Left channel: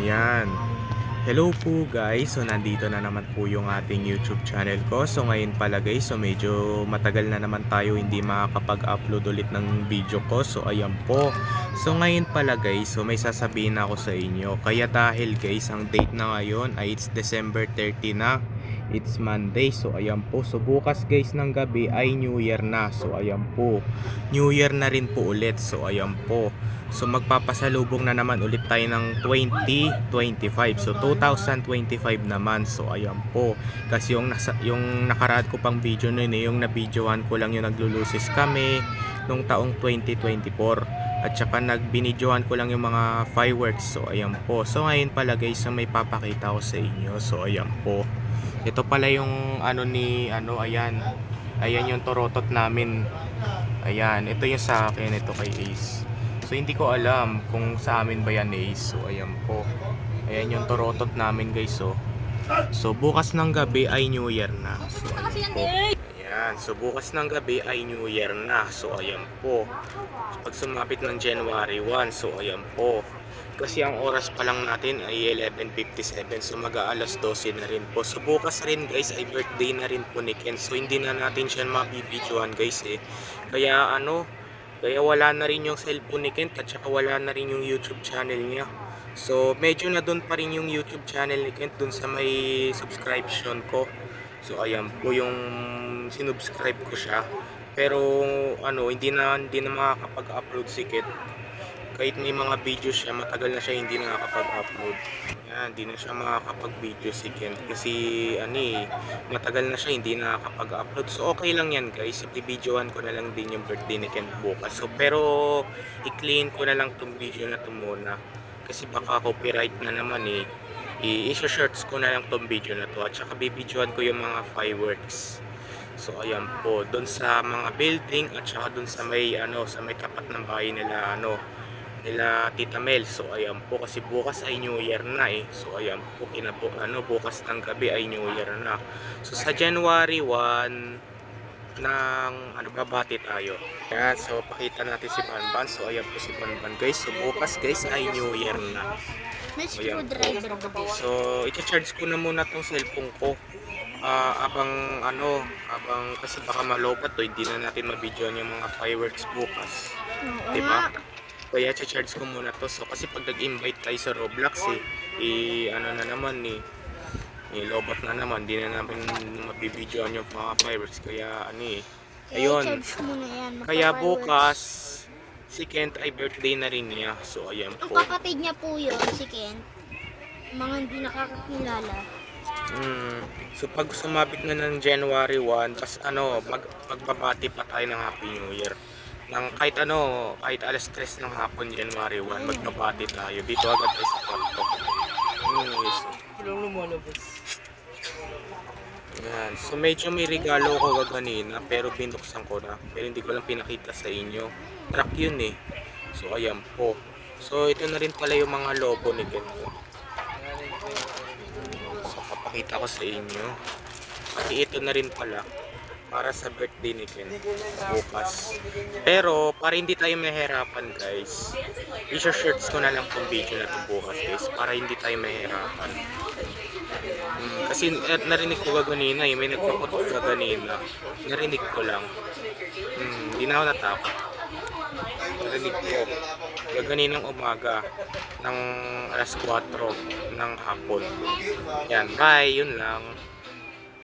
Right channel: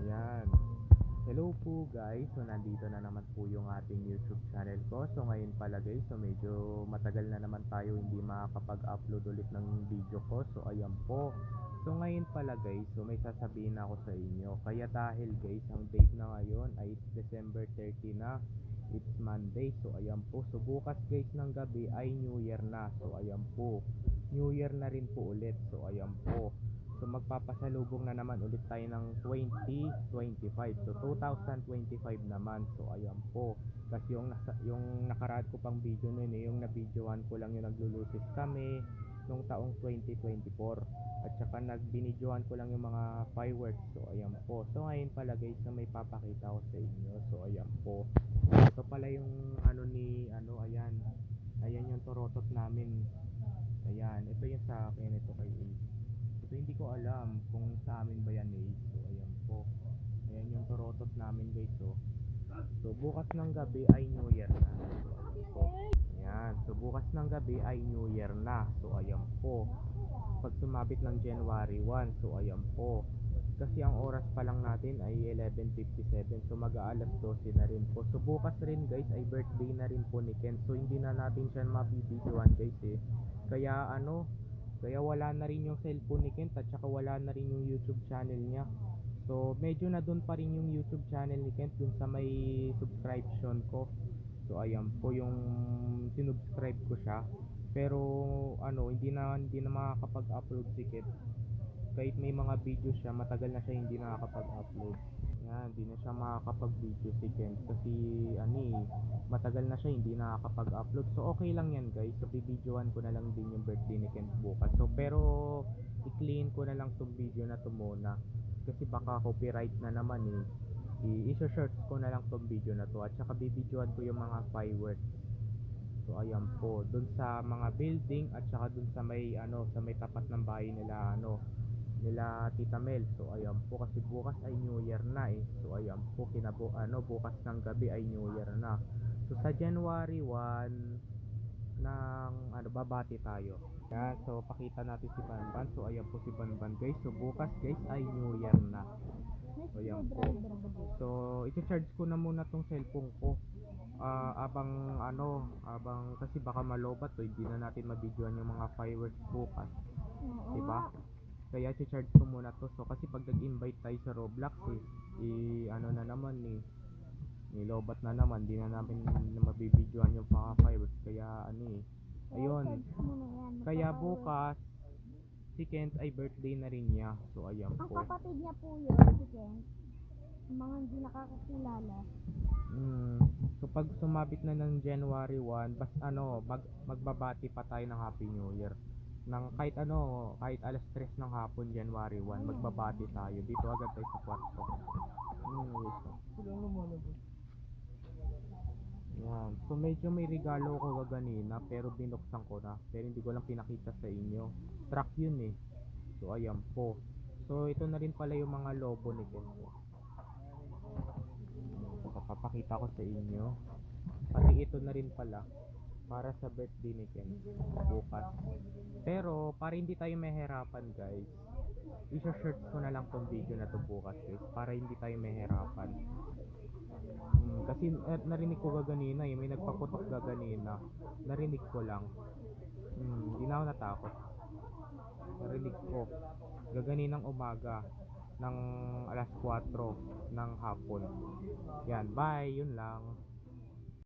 Ayan. Hello po guys. So nandito na naman po yung ating YouTube channel ko. So ngayon pala guys, so medyo matagal na naman tayo hindi makakapag-upload ulit ng video ko. So ayan po. So ngayon pala guys, so may sasabihin ako sa inyo. Kaya dahil guys, ang date na ngayon ay it's December 30 na. It's Monday. So ayan po. So bukas guys ng gabi ay New Year na. So ayan po. New Year na rin po ulit. So ayan po. So magpapasalubong na naman ulit tayo ng 2025. So 2025 naman. So ayan po. Kasi yung nasa yung nakaraan ko pang video noon eh, yung na-videohan ko lang yung naglulusis kami nung taong 2024. At saka nagbinidyohan ko lang yung mga fireworks. So ayan po. So ngayon pala guys, may papakita ko sa inyo. So ayan po. Ito pala yung ano ni ano ayan. Ayan yung torotot namin. Ayan, ito yung sa akin, ito kay Ace. So hindi ko alam kung sa amin ba yan Ace. So ayan po. Ayan yung torotot namin guys. So, so bukas ng gabi ay New Year na. So ayan po. Ayan. So bukas ng gabi ay New Year na. So ayan po. Pag sumapit ng January 1. So ayan po. Kasi ang oras pa lang natin ay 11.57 so mag-aalas 12 na rin po. So bukas rin guys ay birthday na rin po ni Ken. So hindi na natin siya mabibidyoan guys eh. Kaya ano, kaya wala na rin yung cellphone ni Kent at saka wala na rin yung YouTube channel niya. So medyo na doon pa rin yung YouTube channel ni Kent doon sa may subscription ko. So ayan po yung sinubscribe ko siya. Pero ano, hindi na hindi na makakapag-upload si Kent. Kahit may mga video siya, matagal na siya hindi nakakapag-upload. Yan, hindi na siya makakapag-video si Kent kasi ano eh, matagal na siya hindi nakakapag-upload. So okay lang yan guys, i-videoan ko na lang din yung birthday ni Kent bukas. So pero i-clean ko na lang tong video na to muna. Kasi baka copyright na naman eh. I-shorts ko na lang tong video na to at saka bibidyoan ko yung mga fireworks. So ayan po, doon sa mga building at saka doon sa may ano, sa may tapat ng bahay nila ano, nila Tita Mel. So ayan po kasi bukas ay New Year na eh. So ayan po kinabu ano bukas ng gabi ay New Year na. So sa January 1 ng ano babati tayo. Kaya so pakita natin si Banban. So ayan po si Banban guys. So bukas guys ay New Year na. May Ayan? So i-charge ko na muna tong cellphone ko. Ah, abang ano, abang kasi baka malobat to, hindi na natin mabidyoan yung mga fireworks bukas. Oo Di nga. Kaya charge ko muna to. So kasi pag nag-invite tayo sa Roblox eh, i ano na naman eh, ilobat na naman, di na namin mabibidyoan yung mga fireworks. Kaya ano eh, ayun. Yan. Kaya bukas, si Kent ay birthday na rin niya. So ayan Ang po. kapatid niya po yun, si Ken. Mga hindi nakakakilala. Mm. So pag sumabit na ng January 1, tas ano, mag magbabati pa tayo ng Happy New Year. Nang kahit ano, kahit alas 3 ng hapon January 1, magbabati tayo. Dito agad tayo sa kwarto. Walang lumalabas. yan. So medyo may regalo ko kanina, pero binuksan ko na. Pero hindi ko lang pinakita sa inyo. Truck yun eh. So ayan po. So ito na rin pala yung mga lobo ni Gento. So papakita ko sa inyo. Pati ito na rin pala para sa birthday ni Ken bukas. Pero para hindi tayo mahirapan guys, i-shorts ko na lang tong video na to bukas guys para hindi tayo mahirapan. Hmm, kasi eh, narinig ko gaganina eh, may nagpaputok gaganina. Narinig ko lang. Hmm, hindi na ako natakot. Narinig ko. Gaganinang umaga ng alas 4 ng hapon. Yan, bye, yun lang.